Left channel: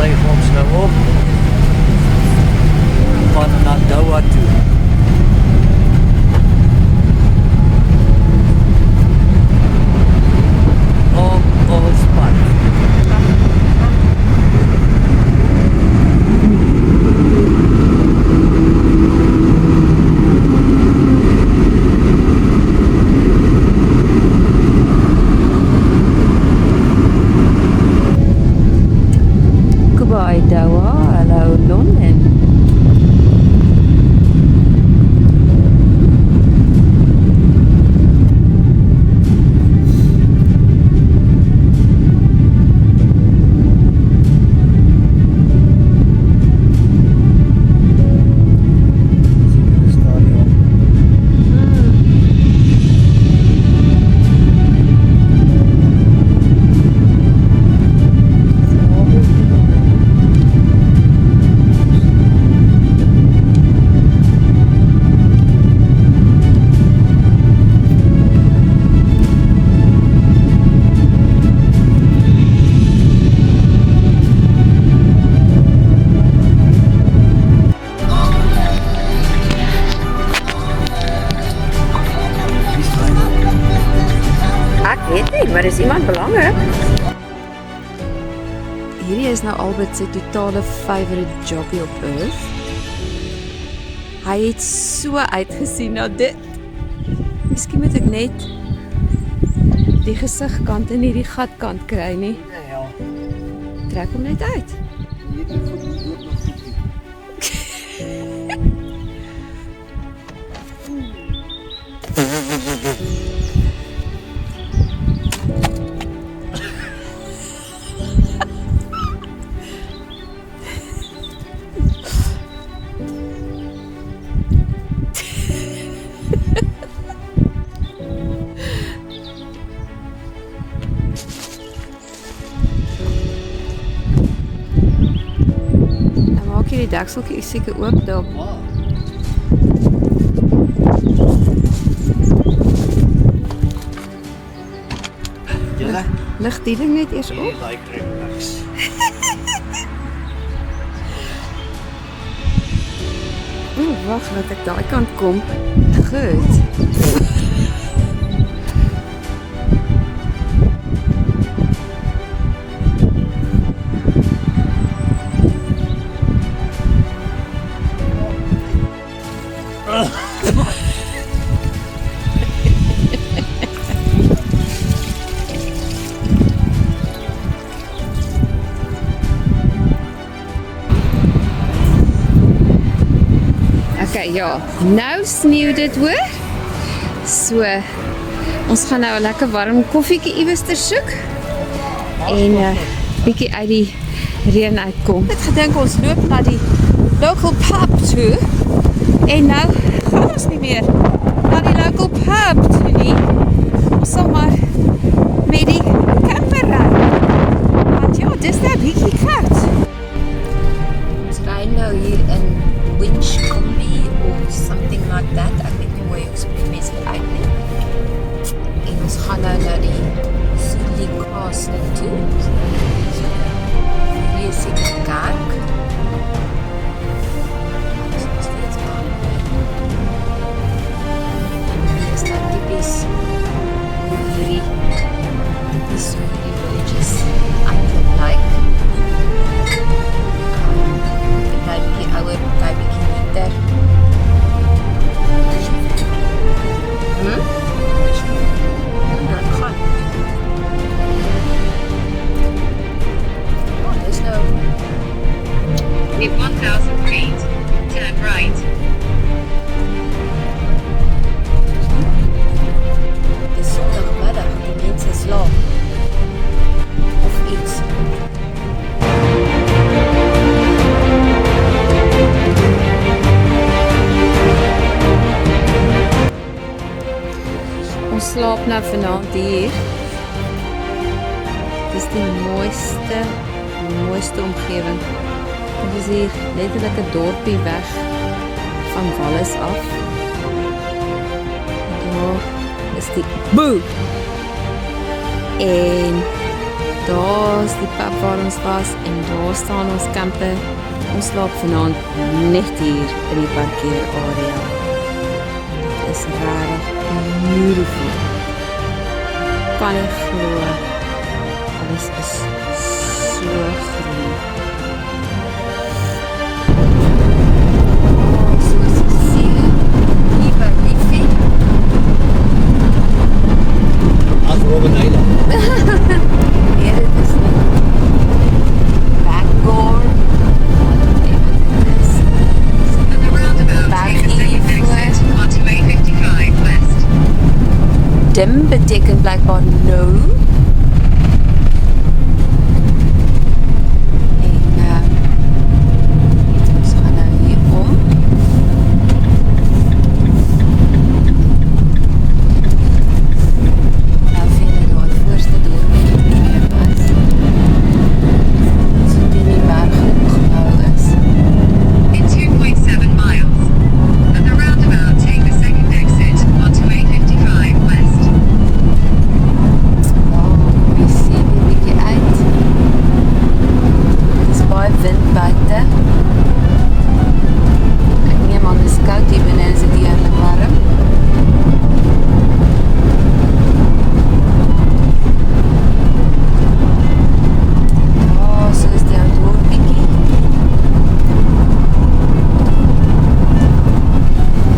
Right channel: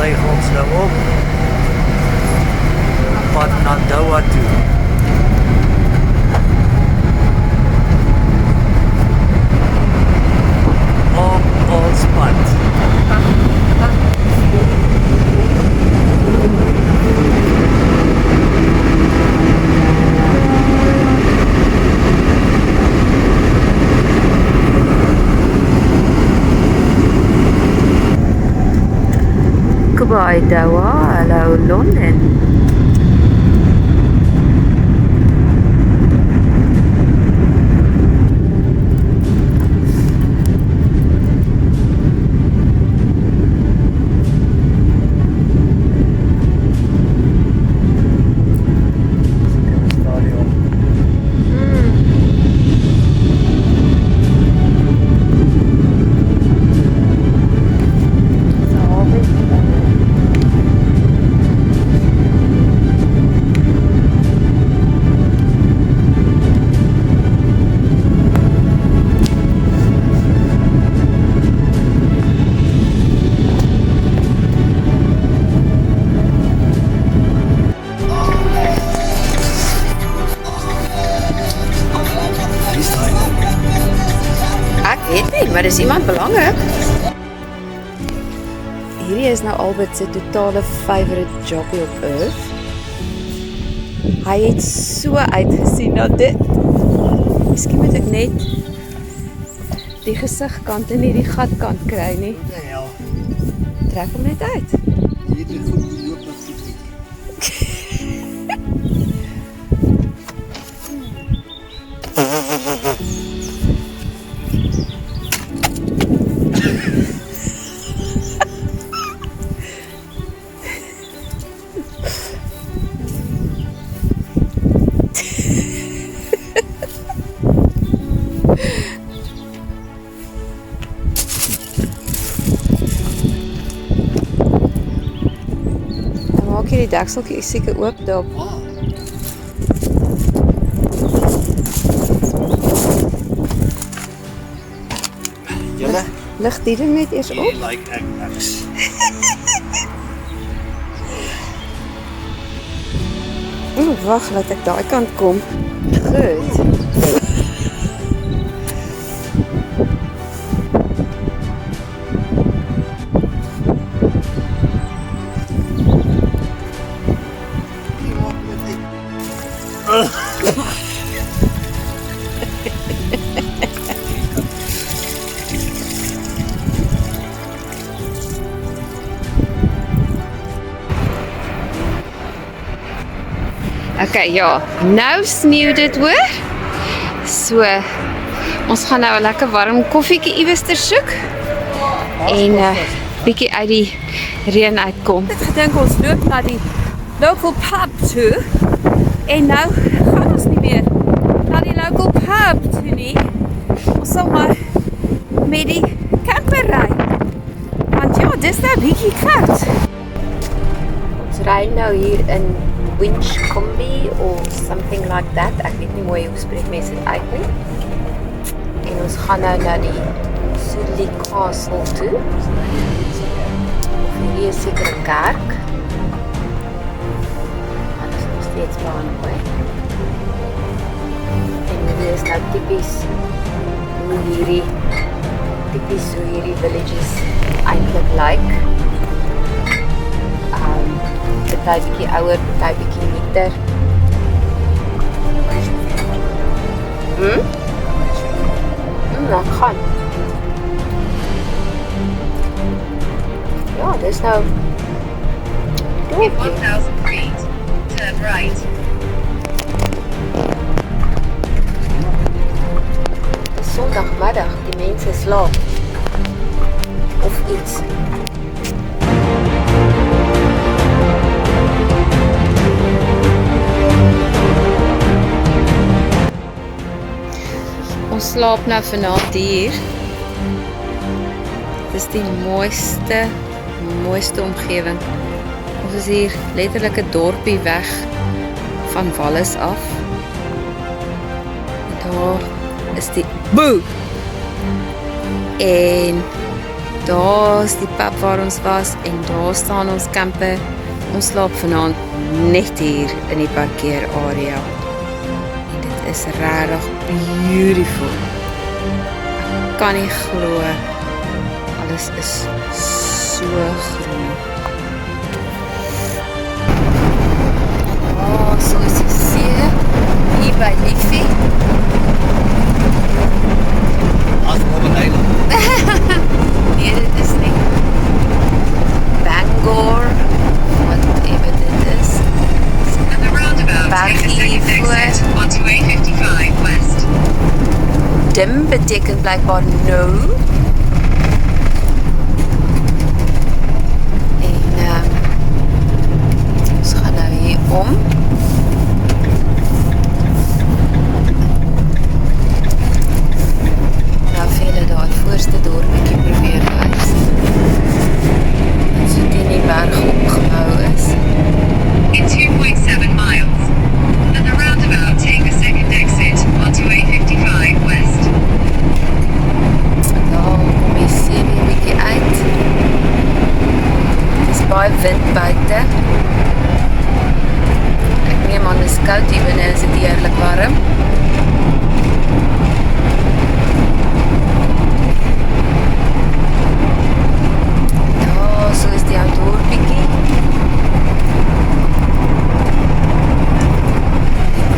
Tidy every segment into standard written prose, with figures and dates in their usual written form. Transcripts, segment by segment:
styg ons nou op van Nadawa toe. Op ons pad. Goodbye Doha, hello London. Maar is iemand belangrik? Hierdie is nou Albert se totale favorite jobbie op earth. Hy het so uitgesien na dit. Miskien moet ek net die gesigkant en nie die gatkant kry nie. Ja. Trek hom net uit. Hierdie goed loop nog bietjie. Maak jy die dekseltjie seker oop daar. Julle? Lig die ding net eers op. Like ek niks. Wag, laat ek daai kant kom. Goed. Okay, ja, nou sneeu dit hoor. So, ons gaan nou 'n lekker warm koffietjie iewerster soek en bietjie uit die reën uitkom. Ek het gedink ons loop na die local pub toe en nou gaan ons nie meer na die local pub toe nie. Ons sal maar met die camper ry. Want ja, dis nou bietjie koud. Ons ry nou hier in Winchcombe or something like that. Ek weet nie hoe jy spreek mense dit uit nie. En ons gaan nou na die Sudley Castle toe. Hier is seker 'n kerk. Dit is nog steeds baie. En hier is nou tipies hoe hierdie villages eintlik lyk. Party bietjie ouer, party bietjie neater. Nou gaan. Ja, dis nou. In 1000 feet, turn right. Dis Sondagmiddag, die mense slaap. Of iets. Ons slaap nou vanaand hier. Dis die mooiste omgewing. Ons is hier letterlik 'n dorpie weg van Wallis af. En daar is die boe. En daar's die pub waar ons was en daar staan ons camper. Ons slaap vanaand net hier in die parkeerarea. En dit is regtig beautiful. Ek kan nie glo alles is so groen. So is die see hier by Liffey. Nee, dit is nie Bangor, whatever dit is. At the roundabout, take a second exit onto A55 West. Dim beteken blijkbaar no. En ons gaan nou hier om. Nou vir julle daai voorste dorpie probeer wys. Wat so teen die berg opgebou is. In 2.7 miles. At the roundabout, take a second exit onto A55 West. Daar kom die see weer bietjie uit. Dit is baie wind buite. Ek neem aan dis koud hier binne, is dit heerlik warm. Ja, so is die ou dorpietjie.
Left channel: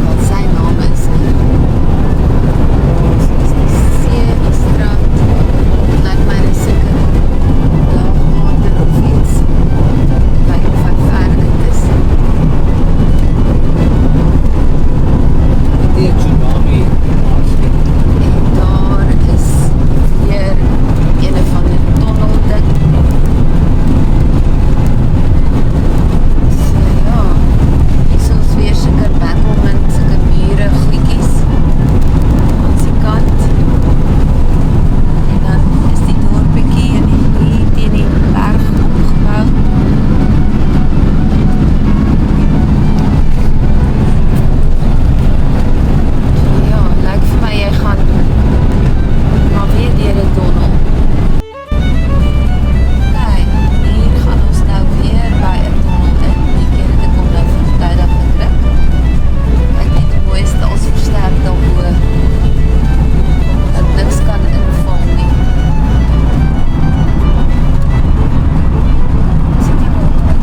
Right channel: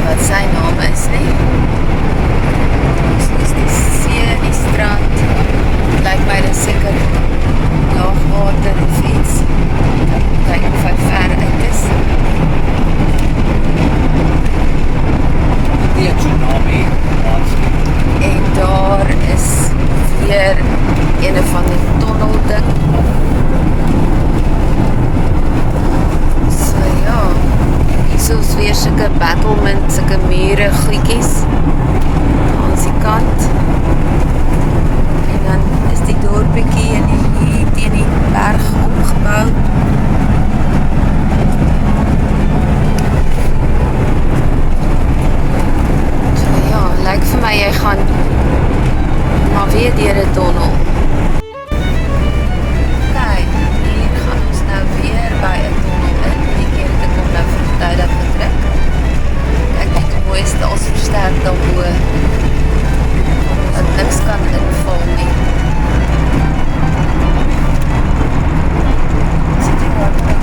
Wat sy naam is nie. So is die see, die strand. Lyk my dit seker laagwater of iets. Kyk of hy ver uit is. Die tsunami. En daar is weer een van die tunnel ding. So ja, hier is weer sulke battlement, sulke mure goedjies aan die kant. En dan is die dorpiekie en hier teen die berg opgebou. So ja, lyk vir my jy gaan maar weer deur 'n tunnel. Kyk, hier gaan ons nou weer by 'n tunnel in. Die keer het ek hom nou vroegtydig gedruk. Kyk net hoe mooi is dit als versterk daarbo. Dat niks kan inval nie. Sit jy wat terug?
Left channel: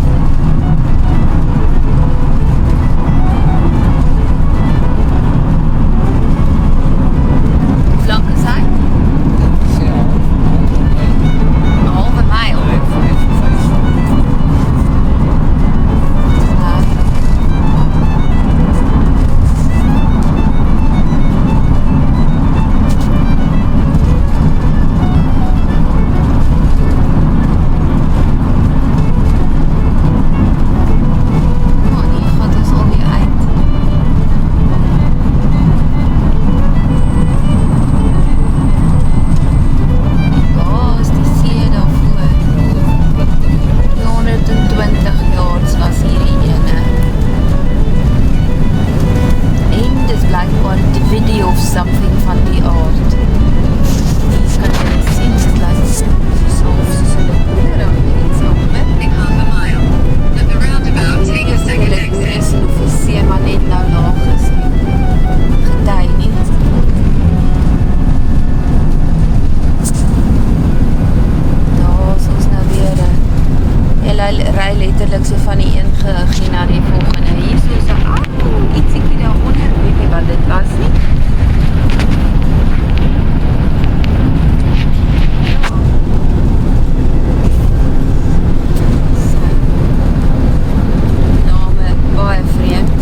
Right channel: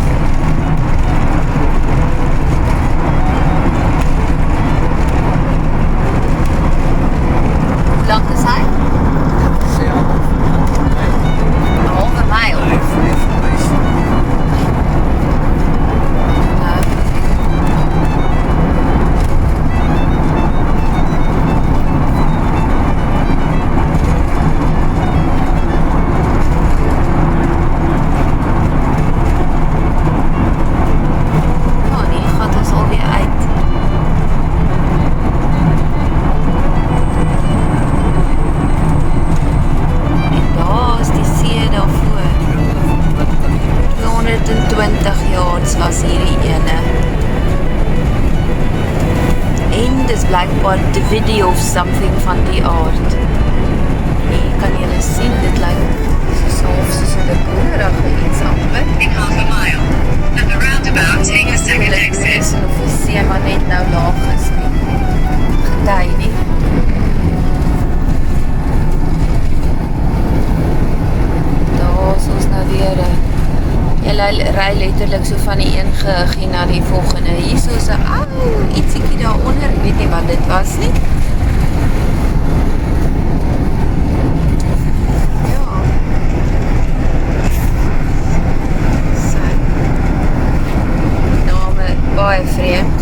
Hoe lank is hy? 'n halwe myl. Ja, nee, gaat ons alweer uit. En daar is die see daarvoor. 220 yards was hierdie ene. En dis blijkbaar Divinity of something van die aard. Hier kan julle sien, dit lyk soos soos 'n groenerige iets amper. In half a mile. At the roundabout, take a second exit. Of die see maar net nou laag is nie. Gety nie. Daar is ons nou weer. Jy ry letterlik so van die een geheggie na die volgende. Hier so is 'n ietsiekie daaronder, ek weet nie wat dit was nie. Ja. So. Name baie vreemd.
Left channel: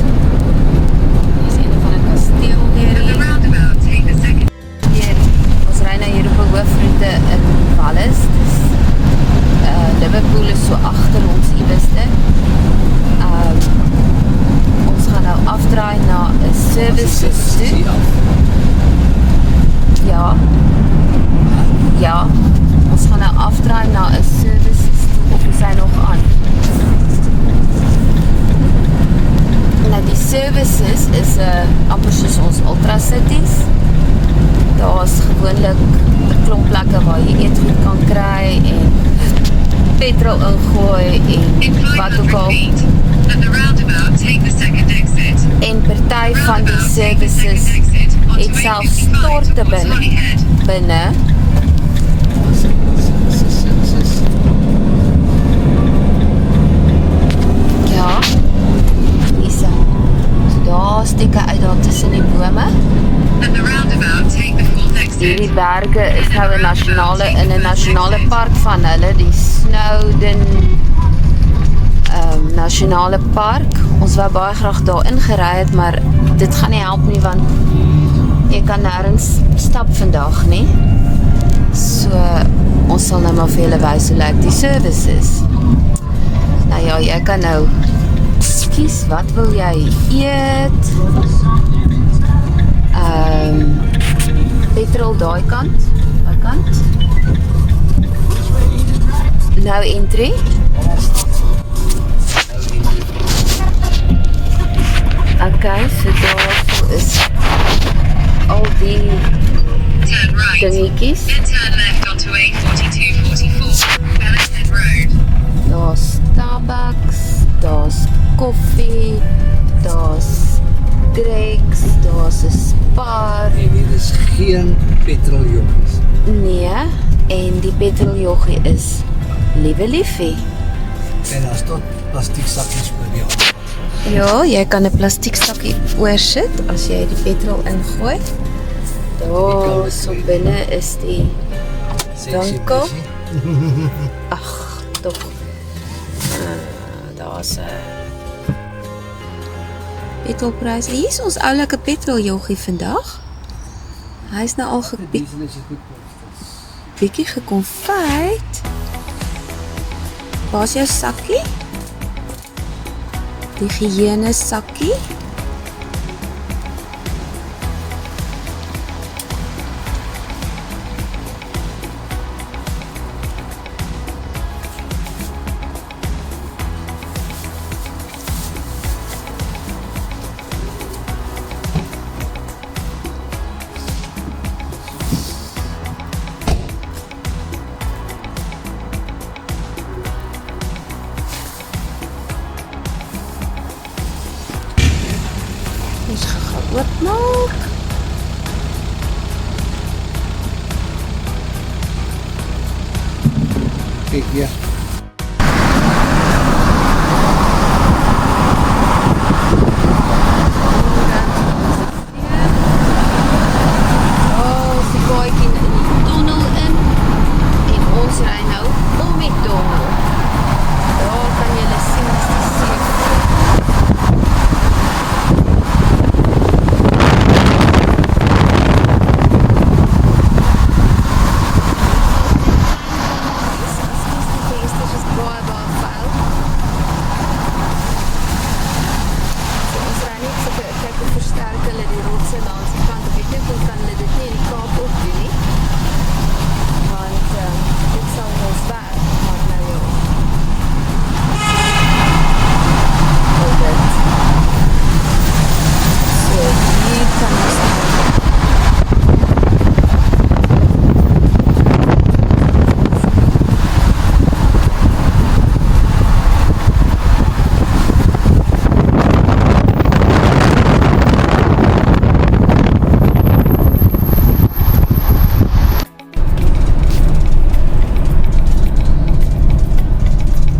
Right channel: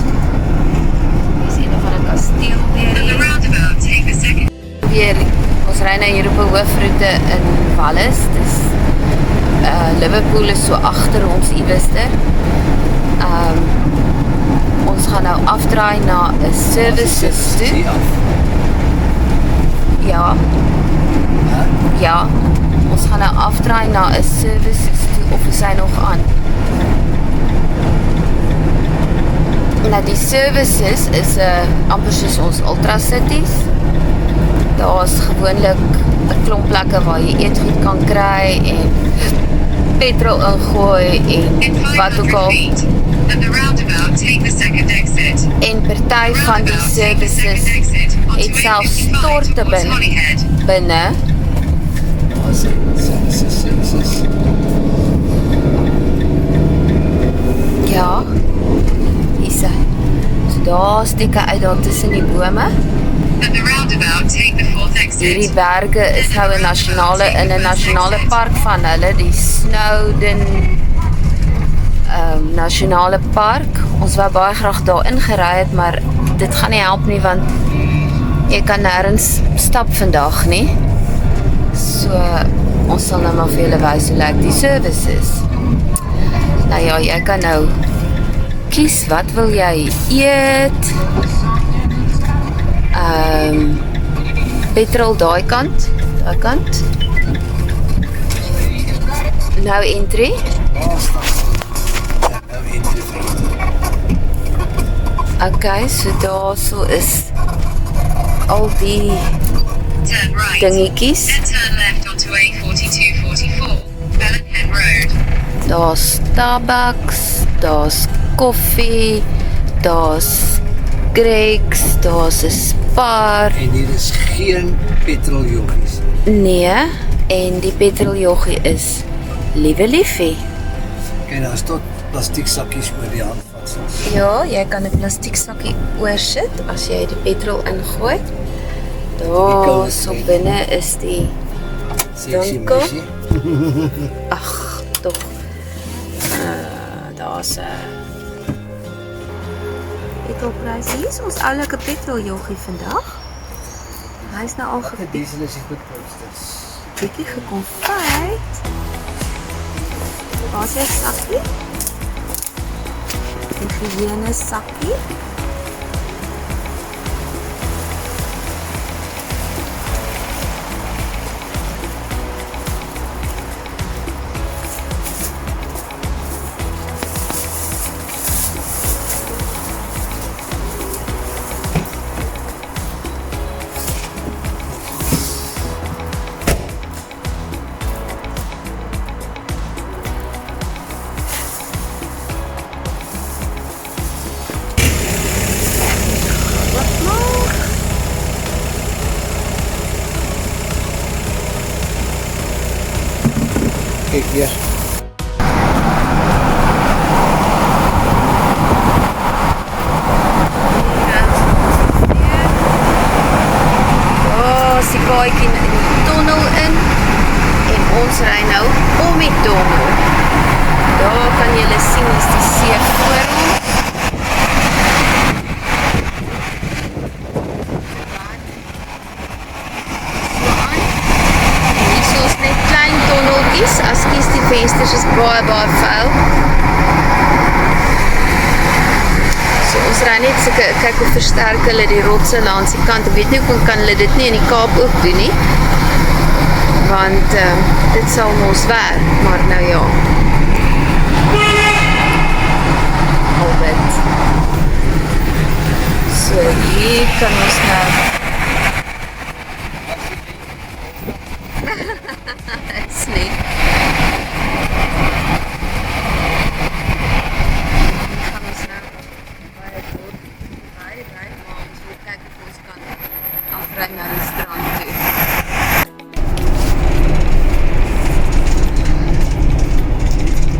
Hier is een van 'n kasteel weer At the hier. roundabout, take a second. Weer, ons ry nou hier op 'n hoofroete in Wallis. Dis Liverpool is so agter ons ieweste. Ons gaan nou afdraai na 'n services toe. Ja. Ja. Ons gaan nou afdraai na 'n services toe of is hy nog aan? Nou die services is amper soos ons Ultra Cities. Daar's gewoonlik 'n klomp plekke waar jy eetgoed kan kry en petrol ingooi en In wat 500 ook al. feet, at the roundabout, take the second exit. En party van die Roundabout, take the services second exit onto het selfs 855 storte towards binne. Holyhead. binne. Ja, hier is hy. So daar steek hy uit daar tussen die bome. At the roundabout, take the fourth Hierdie exit. berge is nou in 'n nasionale park van hulle, die Snowdon nasionale park. Ons wou baie graag daar ingery het, maar dit gaan nie help nie want jy kan nêrens stap vandag nie. So ons sal nou maar vir julle wys hoe lyk die services. Nou ja, jy kan nou kies wat wil jy eet. Petrol daai kant. Nou entry. Okay, so daarso is al die Turn right. dingetjies. Then turn left onto A4244, Bellishead Road. Daar's Starbucks, daar's koffie, daar's Greg's, daar's 'n Spar. En hier is geen petroljoggies. Nee, en die petroljoggie is liewe liefie. En daar is tot plastiek sakkies oor die hand. Ja, jy kan 'n plastiek sakkie oorsit as jy die petrol ingooi. Daar so binne is die winkel. Ag, tog. Daar's 'n petrolprys. Hier is ons oulike petroljoggie vandag. Hy's nou al Diesel is die goedkoopste. bietjie gekonfyt. Waar's jou sakkie? Die higiëne sakkie. Wat nog? Kijk hier. Oh, is die paadjie in die tunnel in en ons ry nou om die tunnel. Daar kan julle sien is die see voor ons. En hier is net klein tunneltjies, as kies die vensters is baie vuil. So ons ry net sulke, kyk hoe versterk hulle die rotse langs die kant. Ek weet nie hoe kan hulle dit nie in die Kaap ook doen nie. Want dit sal ons werk, maar nou ja. Al dit. So hier kan ons nou Dit is nie.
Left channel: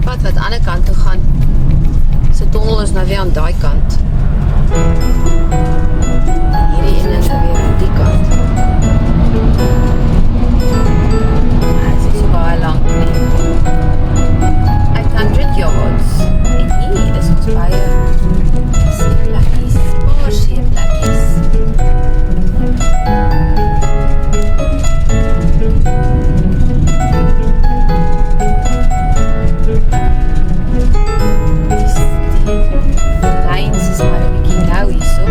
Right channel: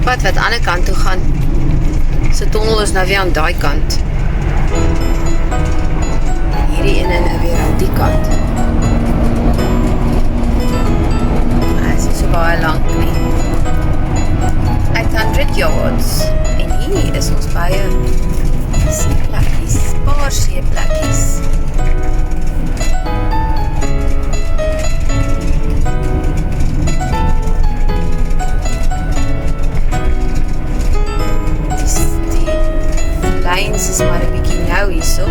Pad wat aan die kant toe gaan. Se tunnel is nou weer aan daai kant. Hierdie ene nou weer aan die kant. Maar dit is nie so baie lank nie. 800 yards. En hier is ons baie seeplekkies, paar seeplekkies. Lyns is maar 'n bietjie nou hierso.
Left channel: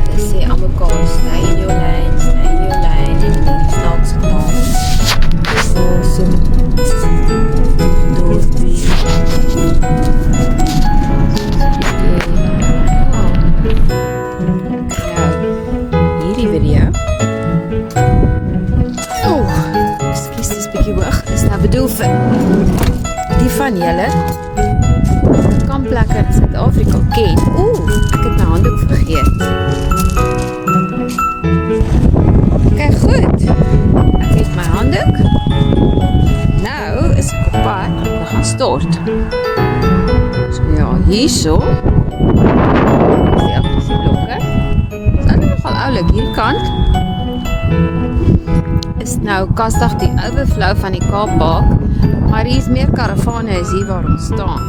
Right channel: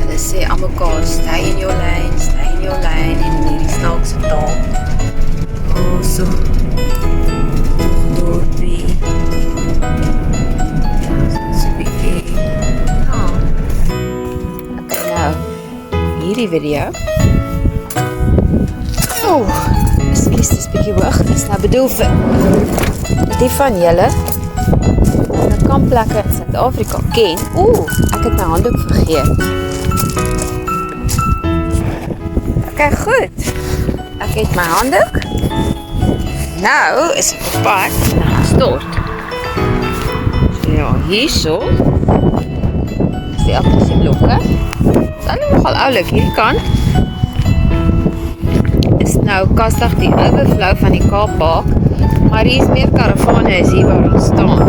Hulle sê aan mekaar, stay in your lane en hierdie snaakse taal. So. Dorpie. So 'n bietjie. Okay, nou. Hierdie video. Wow, ekskuus, dis bietjie hoog. Is nou bedoel vir die van julle wat kampplekke in Suid-Afrika ken. Ek het my handdoek vergeet. Okay, goed. Ek het my handdoek. Nou is ek op pad en gaan stort. So ja, hierso is die agterste blokke. Dit is nogal oulik, hierdie kant is nou kastig die overflow van die Kaapbaan, maar hier is meer karavane as hier waar ons staan.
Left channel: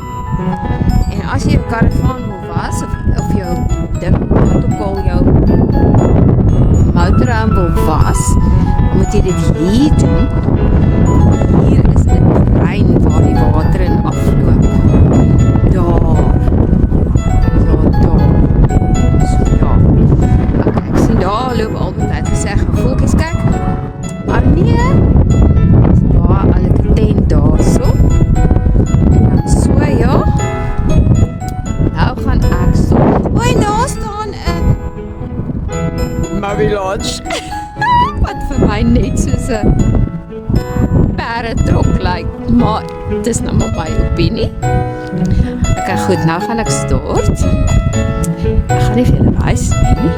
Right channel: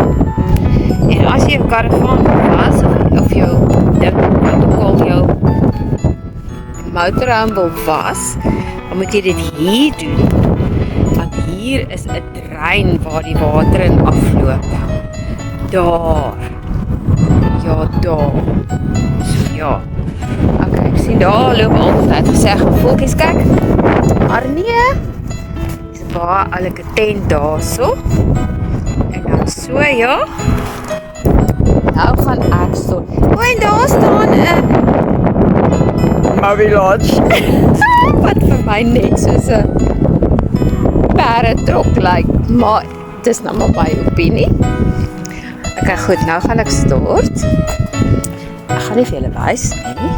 En as jy 'n karavaan was, of jou protokol jou motorhome wil was, dan moet jy dit hier doen, want hier is 'n trein waar die water in afloop. Daar. Ja, daar. So ja. Okay, ek sien daar loop altyd gesê, voeltjies kyk. Maar nee, is 'n baie oulike tent daarso. En dan so ja. Nou gaan ek stop. En daar staan 'n Maui Lodge. Wat vir my net soos 'n perdetrok lyk, maar dit is nou maar my opinie. Okay, goed, nou gaan ek stort. Ek gaan nie vir julle wys nie,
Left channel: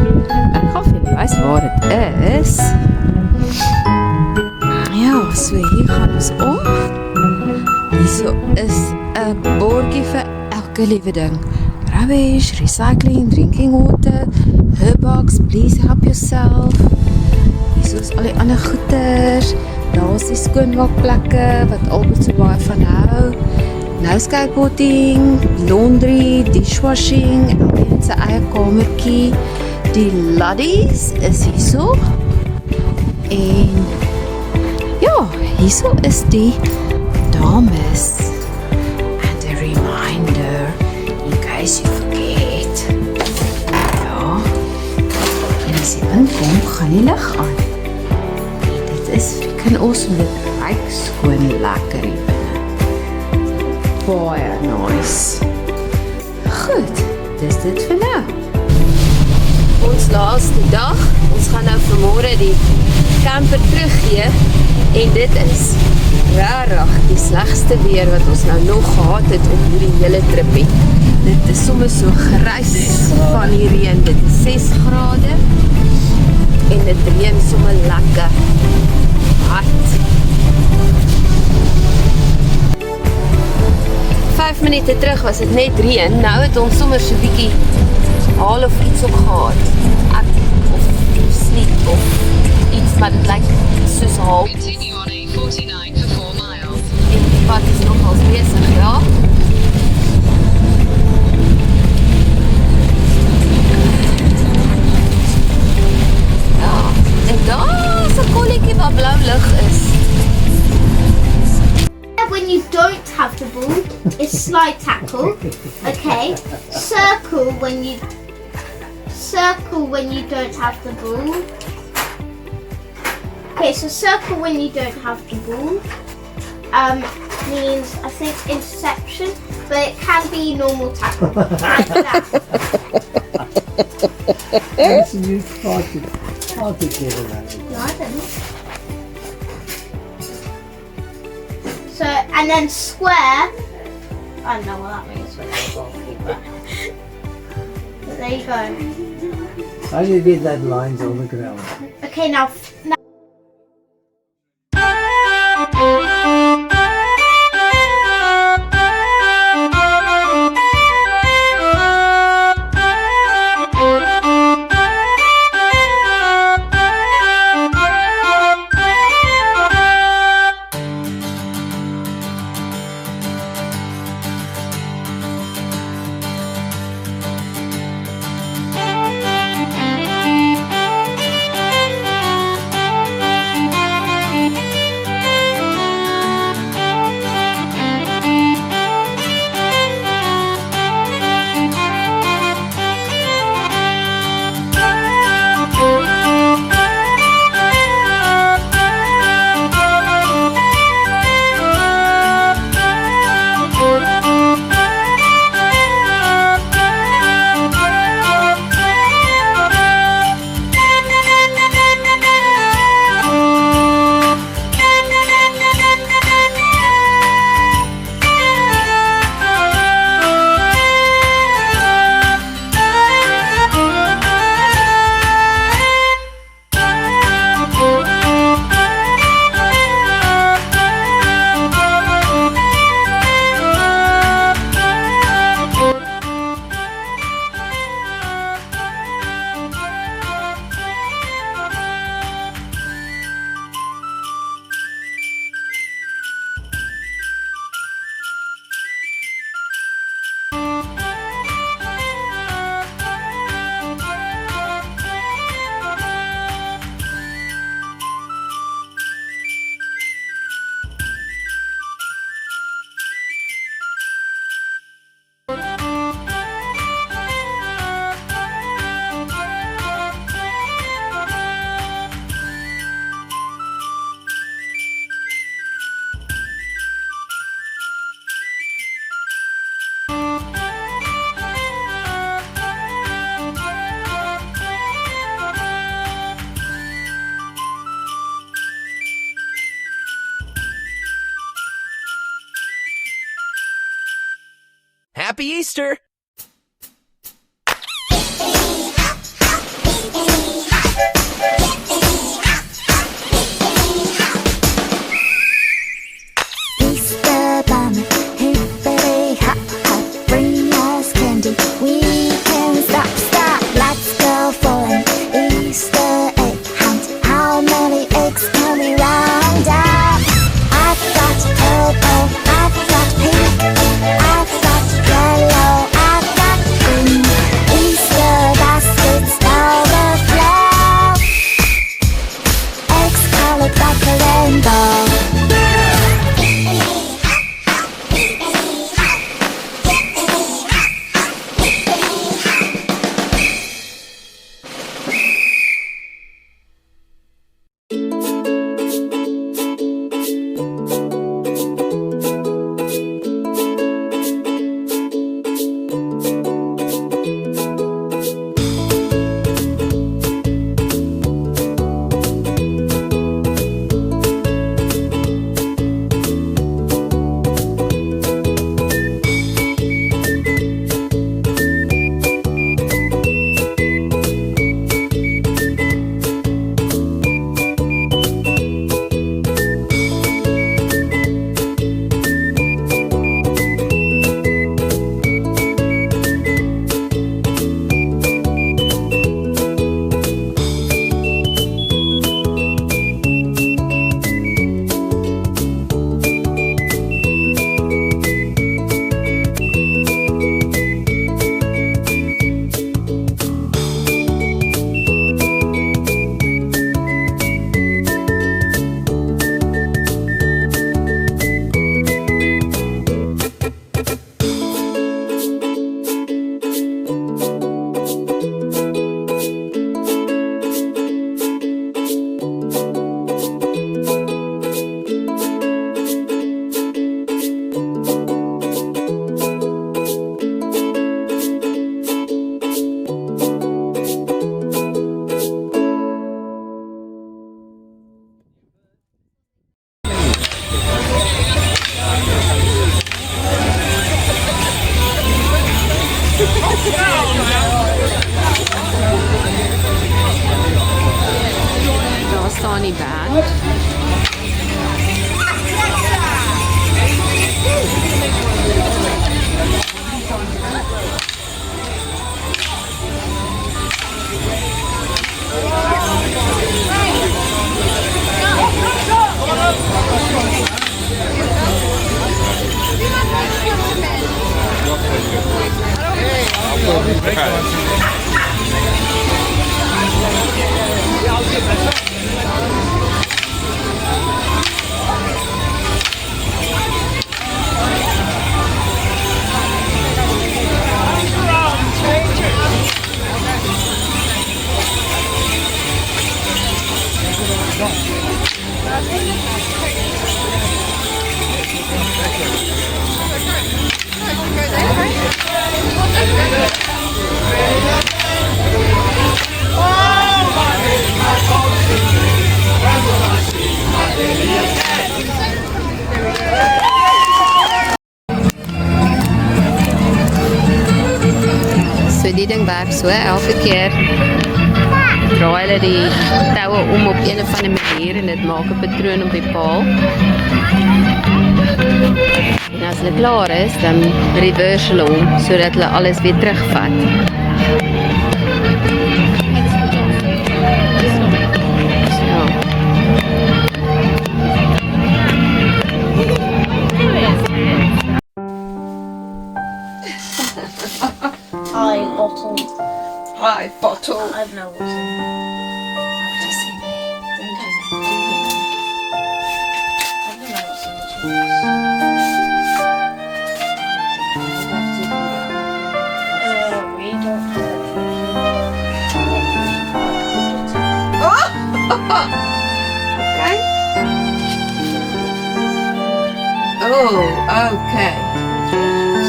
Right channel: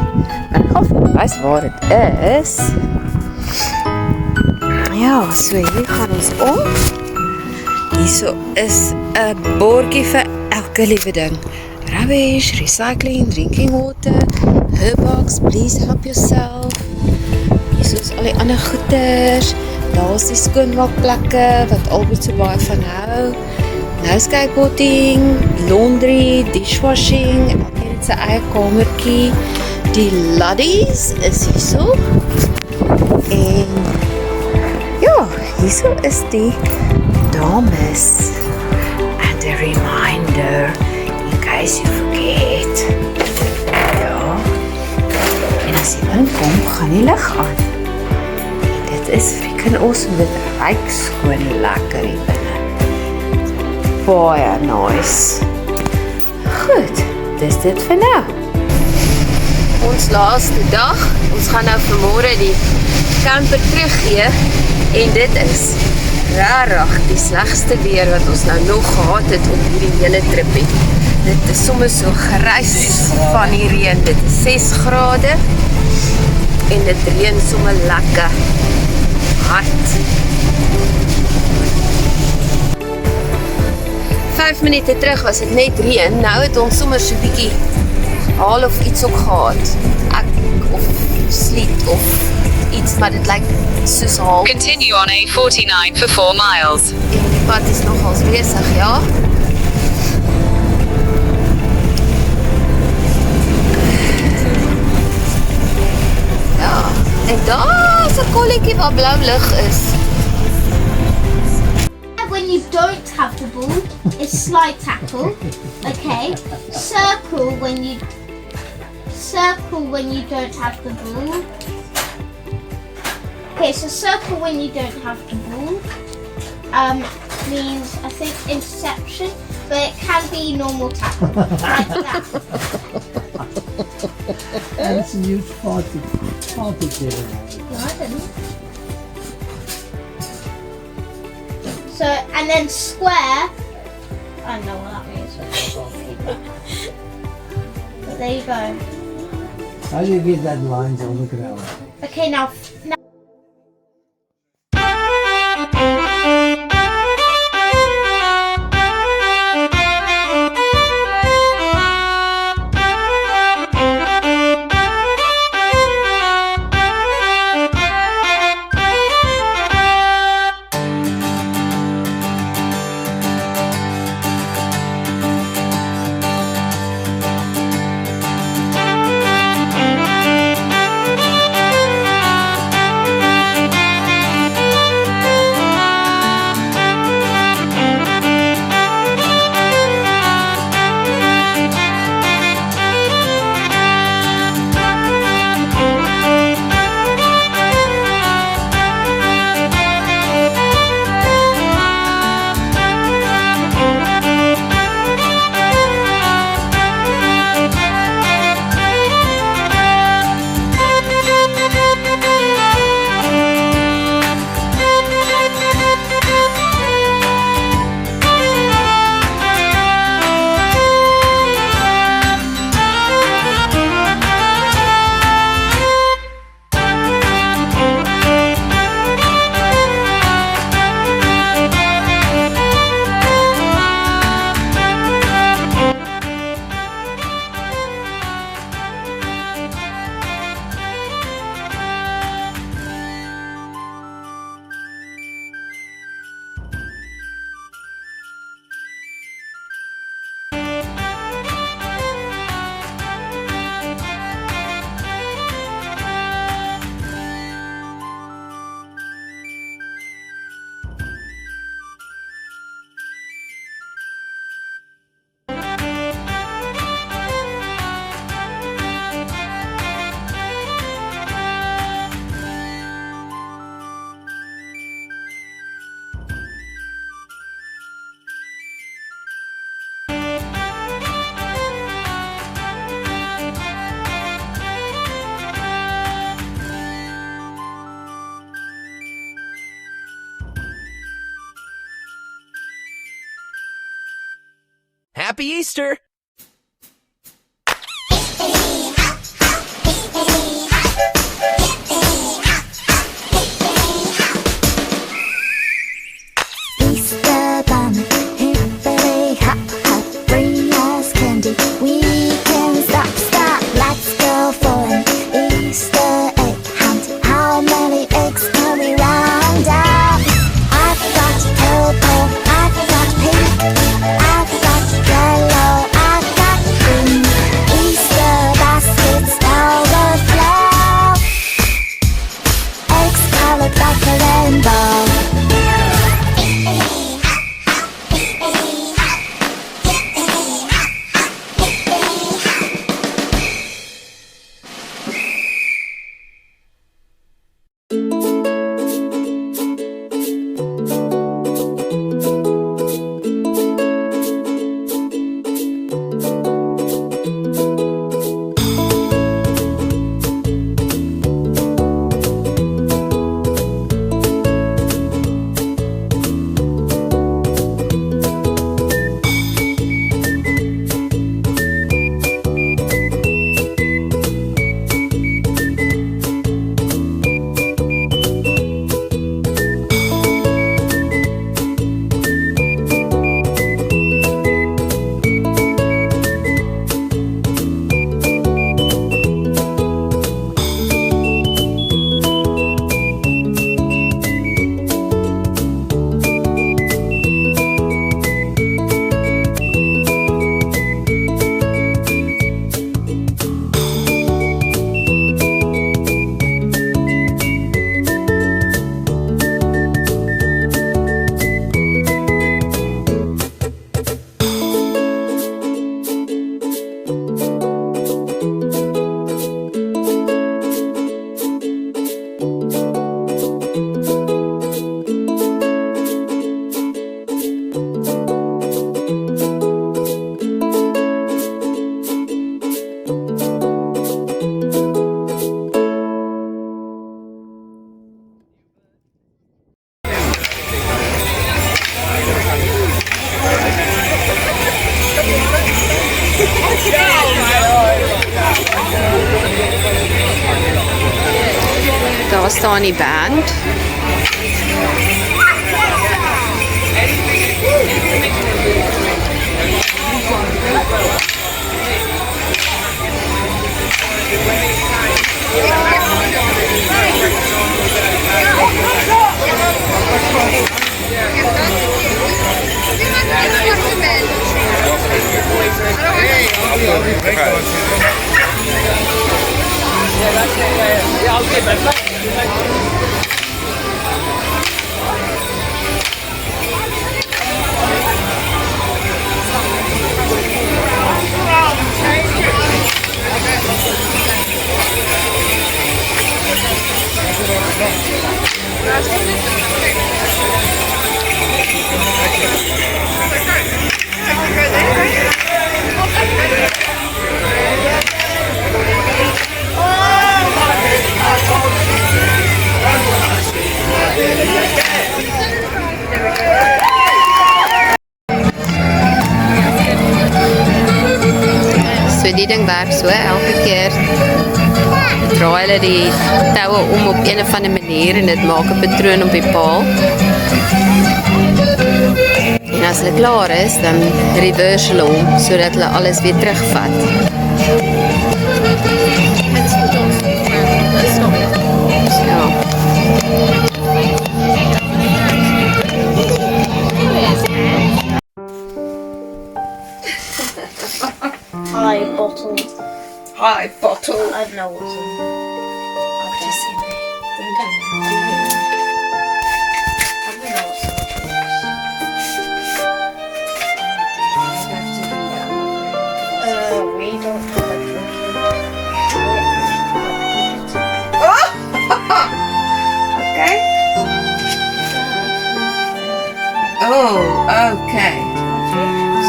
maar ek gaan vir julle wys waar dit is. Ja, so hier gaan ons om. Hierso is 'n bordjie vir elke liewe ding. Rubbish, recycling, drinking water, herbox, please help yourself. Hierso is al die ander goeders. Daar is die skoonmaakplekke wat Albert so baie van hou. Nou skateboarding, laundry, dishwashing, elkeen het sy eie kamertjie. Die laddies is hierso. En ja, hierso is die dames. And a reminder, in case you forget. Ja. En as jy inkom, gaan die lig aan. Dit is freaking awesome, dit ruik skoon lekker hier binne. Baie nice. Goed, dis dit vir nou. Ons laaste dag, ons gaan nou vanmôre die camper teruggee en dit is rarig die slegste weer wat ons nou nog gehad het op hierdie hele tripie. Dit is sommer so grys van die reën. Dit is 6 grade en dit reën sommer lekker hard. 5 minute terug was dit net reën. Nou het ons sommer so bietjie haal of iets ook gehad. Ek of sleet of iets, maar dit lyk soos haal. Continue on A49 for 4 miles. En die pad is nogals besig, ja. Ja, en daar is 'n kolletjie waar blou lig is. When you don't have the ball, it's slide tackle. Okay. Circle when you don't have the ball. Okay, so circle when you don't have the ball means I think interception, but it can be normal tackle like that. That's a new hard to get around. No, I don't know. So and then square. I know what that means. But there you go. How do you get that lines on the ground? Okay, now. Happy Easter! Easter bunny, hippity hop hop, bring us candy. We can stop, let's go for an Easter egg hunt. How many eggs can we round up? I've got purple, I've got pink, I've got yellow, I've got green. Easter baskets overflow, eggs colored like a rainbow. Daar staan die band. So die ding werk so, elke keer draai hulle die toue om op een of ander manier en dit maak 'n patroon op die paal. En as hulle klaar is, dan reverse hulle hom sodat hulle alles weer terugvat. Ja. Hi, bottle. Hi, bottle. I don't know what's in there. I've just seen it. Don't do that. I don't know what's in the drinks. We don't have a Okay. Oh, okay.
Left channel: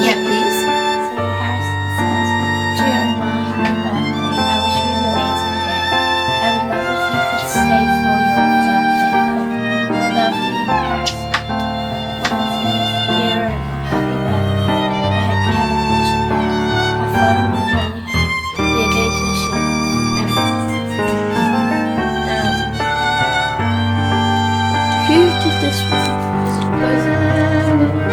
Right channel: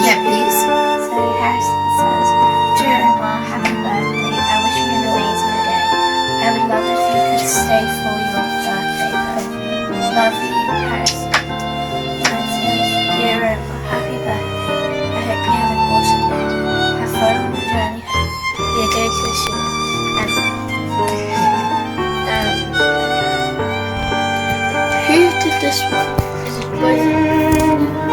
Yeah, please. So Harrison says, Dear Emma, happy birthday. I wish you an amazing day. I would love if you could stay for your birthday. Love you, Harrison. Francis, dear Emma, happy birthday. I hope you have an did this one. Both.